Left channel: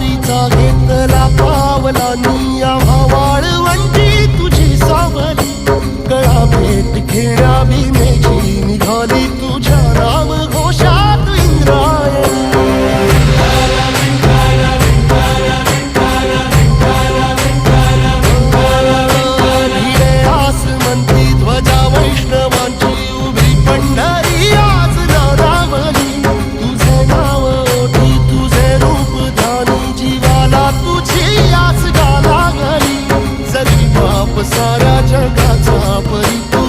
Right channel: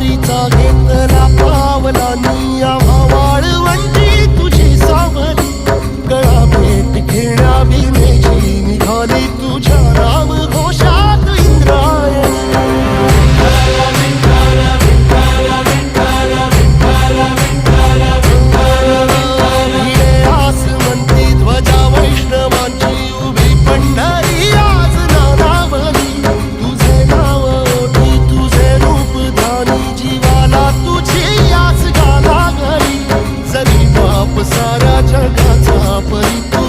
वारीचा घेतला पावलांनी आम्हा वाळवंटी तुझी सावली गळा भेट घेण्या भीमेची निघाली तुझ्या नाम घोषात इंद्रायणी भिडे आसमंती ध्वजा वैष्णवांची उभी पंढरी आज नानावली तुझे नाव ओठी तुझे रूप ध्यानी जीवाला तुझी आस गा लागली जरी बाप साऱ्या जगाचा परिपूर्ण